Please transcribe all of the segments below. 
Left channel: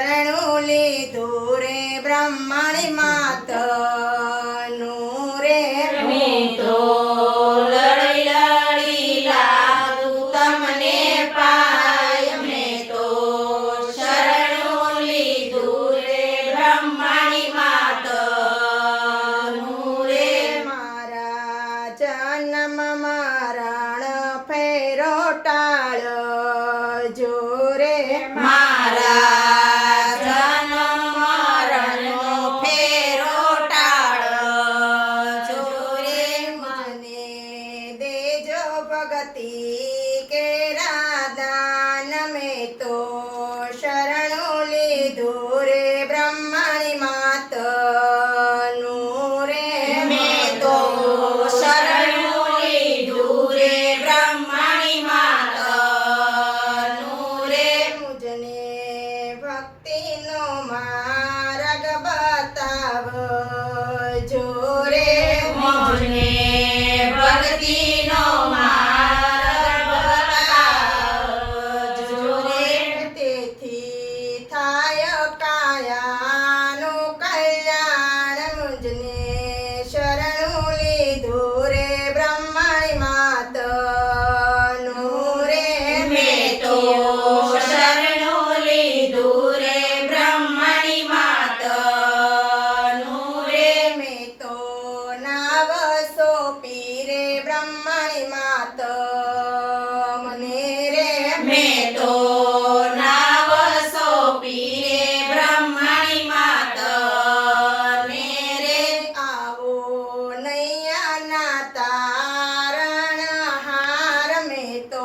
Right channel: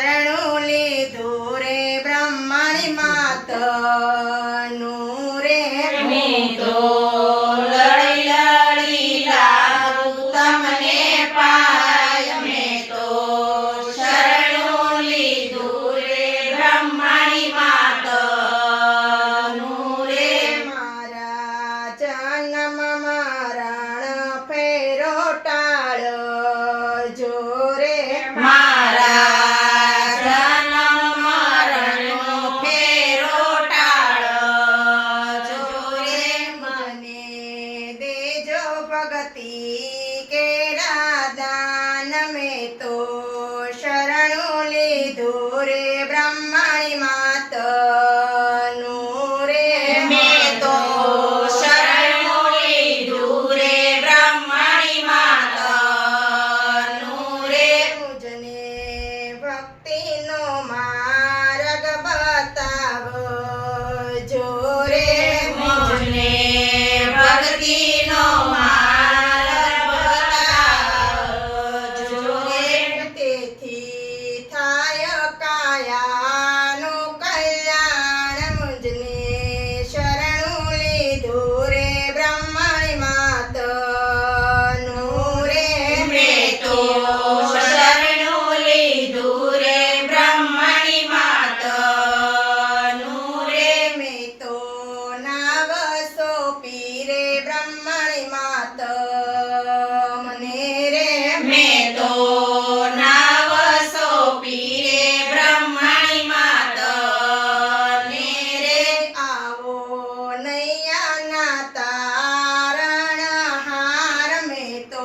શરણું લીધું રે બ્રહ્મણી માતનું રે મેં તો લડી લડી લાગુ તમને પાય મેં તો શરણું લીધું રે બ્રહ્મણી માતનું રે મારા જન્મ મરણ ફેરો ટાળજો રે મારા જન્મ મરણનો ફેરો ટાળજો રે મને દેજો ભગતિ કેરા દાન મેં તો શરણું લીધું રે બ્રહ્મણી માતનું રે મેં તો શરણું લીધું રે બ્રહ્મણી માતનું રે મુજને ભક્તિનો માર્ગ બતાવજો રે મુજને ભક્તિનો માર્ગ બતાવજો રે તેથી થાય કાયાનું કલ્યાણ મુજને શરણું લીધું રે બ્રહ્મણી માતનું રે મેં તો શરણું લીધું રે બ્રહ્મણી માતનું રે મેં તો નાવ સોંપી રે બ્રહ્મણી માત મને રે મેં તો નાવ સોંપી રે બ્રહ્મણી માતને રે આવો નૈયાના તારણ હાર મેં તો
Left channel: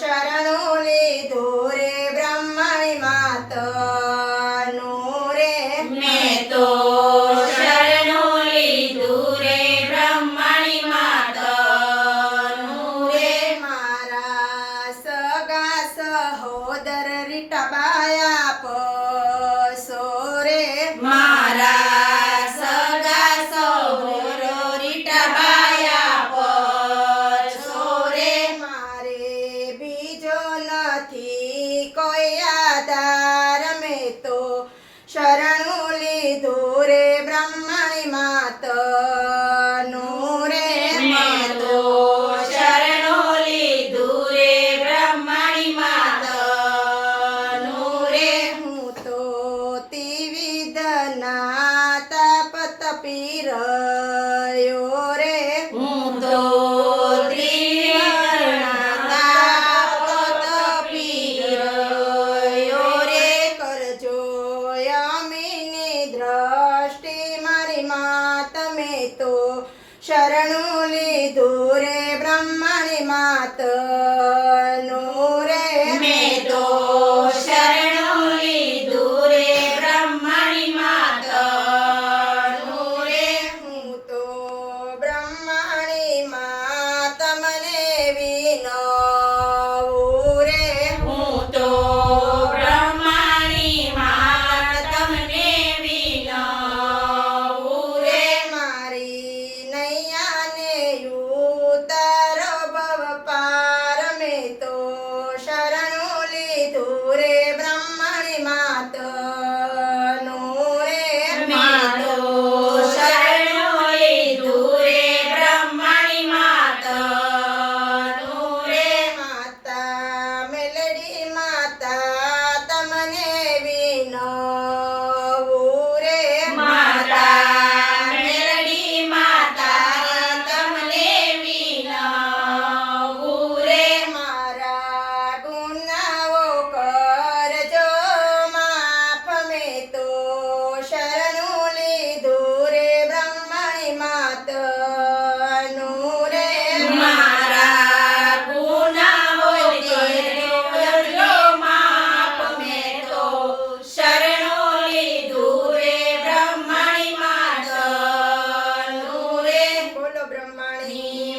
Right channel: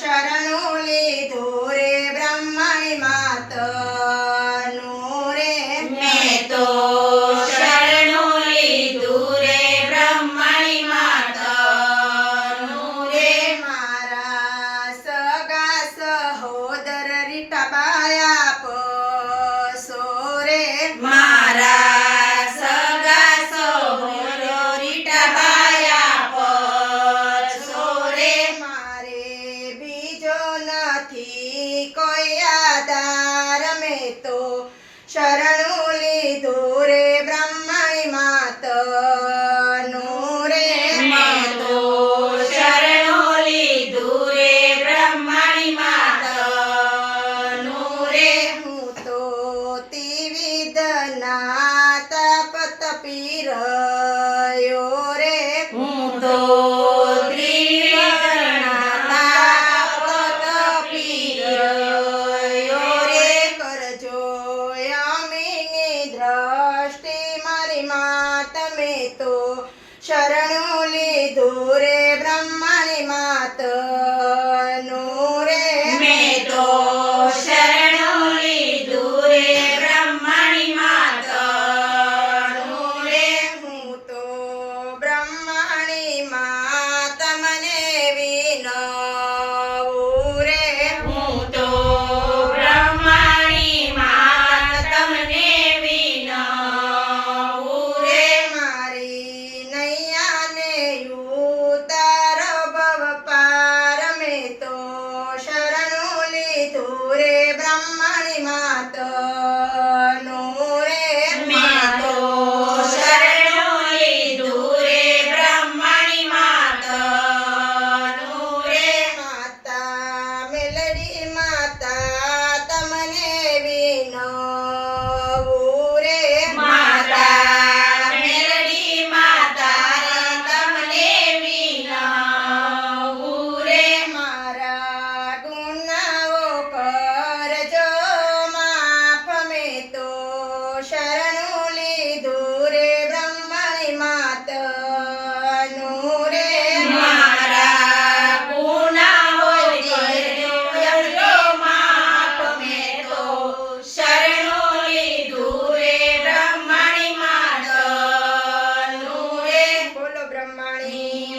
શરણું લીધું રે બ્રહ્મણી માતનું રે મેં તો શરણું લીધું રે બ્રહ્મણી માતનું રે મારા સગા સહોદર રીટાબાયા પસો રે મારા સગા સહોરો રીટાબાયા પછો રે મારે બીજો નથી કોઈ આધાર મેં તો શરણું લીધું રે બ્રહ્મણી માતનું રે મેં તો શરણું લીધું રે બ્રહ્મણી માતનું રે હું તો ત્રિવિધના તપ તપી રહ્યો રે હું તો ત્રિવિધના તપી રહ્યો રે કરજો યમીની દ્રષ્ટિ મારી માત મેં તો શરણું લીધું રે બ્રહ્મણી માતનું રે મેં તો શરણું લીધું રે બ્રહ્મણી માતનું રે હું તો બ્રહ્મણી માત મને વિનવું રે હું તો બ્રહ્મણી માત તમને વિનવું રે મારી નૈયાને ઉતાર ભવ પાર મેં તો શરણું લીધું રે બ્રહ્મણી માતનું રે મેં તો શરણું લીધું રે બ્રહ્મણી માતનું રે માતા મેલડી માતા તમને વિનવું રે માતા મેલડી માતા તમને વિનવું રે મારા ગુનાઓ કરજો માફ મેં તો શરણું લીધું રે બ્રહ્મણી માતનું રે મારા ગુનાઓ કરજો માફ મેં તો શરણું લીધું રે બ્રહ્મણી માતનું રે બોલો બ્રહ્મણી